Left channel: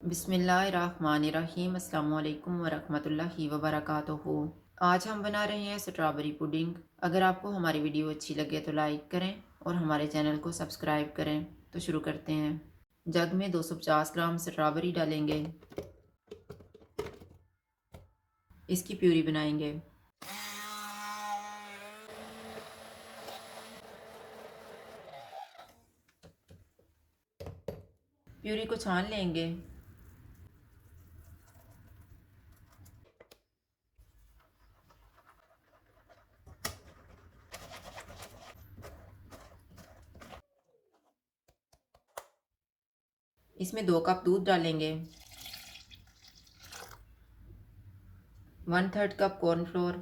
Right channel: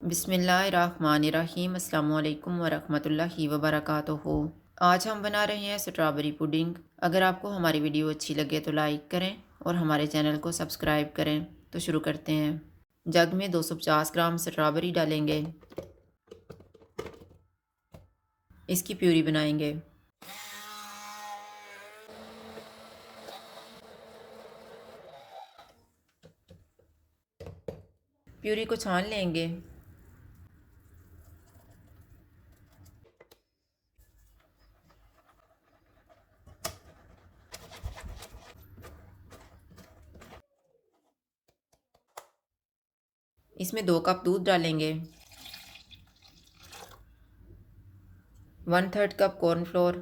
बिस्मिल्लाहिर्रहमानिर्रहीम अस्सलामुअलैकुम वरहमतुल्लाहि वबरकातुहू। आज हम बना रहे हैं स्ट्रॉबेरी पुडिंग। अगर आपको हमारी वीडियो अच्छी लगे तो लाइक करें और हमारे चैनल को सब्सक्राइब करें। तो शुरू करते हैं। जग में 250 ग्राम स्ट्रॉबेरी डालेंगे। इसकी प्यूरी बनाएंगे। प्यूरी को छान लेंगे। इसमें 2 कप दूध डालेंगे, 1/3 कप कॉर्नफ्लोर,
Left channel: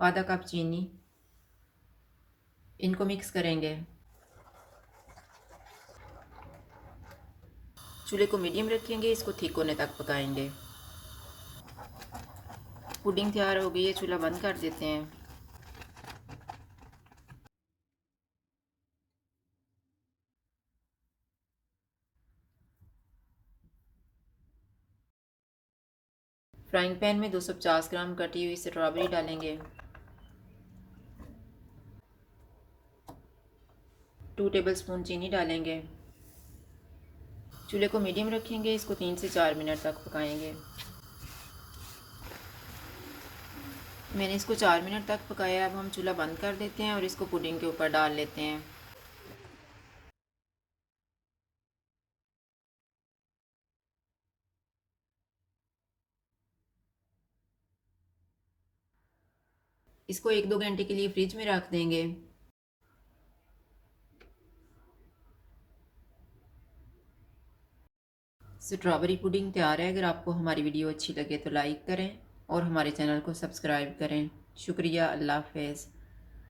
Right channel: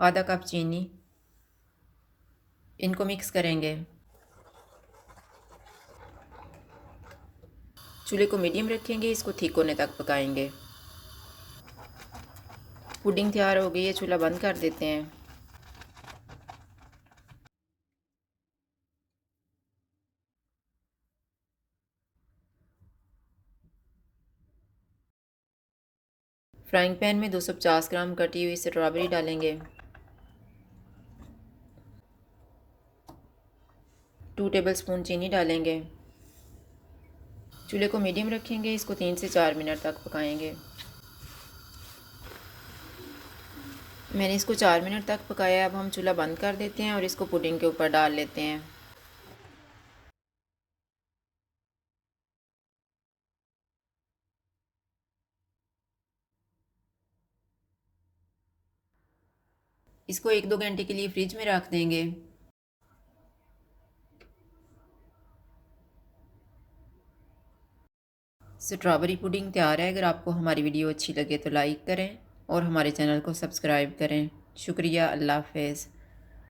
आधा कप चीनी। इनको मिक्स करेंगे। चूल्हे को मीडियम रखेंगे, इसको ठीक होने तक पकाएंगे। पुडिंग तैयार हो गई है, चूल्हा बंद कर देते हैं। फ्राइंग पैन में 250 ग्राम कटी हुई स्ट्रॉबेरी डालेंगे। 2 टेबलस्पून चीनी डालेंगे। चूल्हे को मीडियम रखेंगे, इसको 3 से 4 मिनट तक पकाएंगे। मैंने इसको 4 मिनट तक पकाया। अब हम चूल्हा बंद कर देते हैं और इसको पुडिंग के ऊपर डाल लेते हैं। इसको 1-2 घंटे के लिए फ्रिज में रख देंगे। स्ट्रॉबेरी पुडिंग तैयार है। अगर आपको हमारी वीडियो अच्छी लगे तो लाइक करें और हमारे चैनल को सब्सक्राइब करें। शुक्रिया। अल्लाह हाफ़िज़।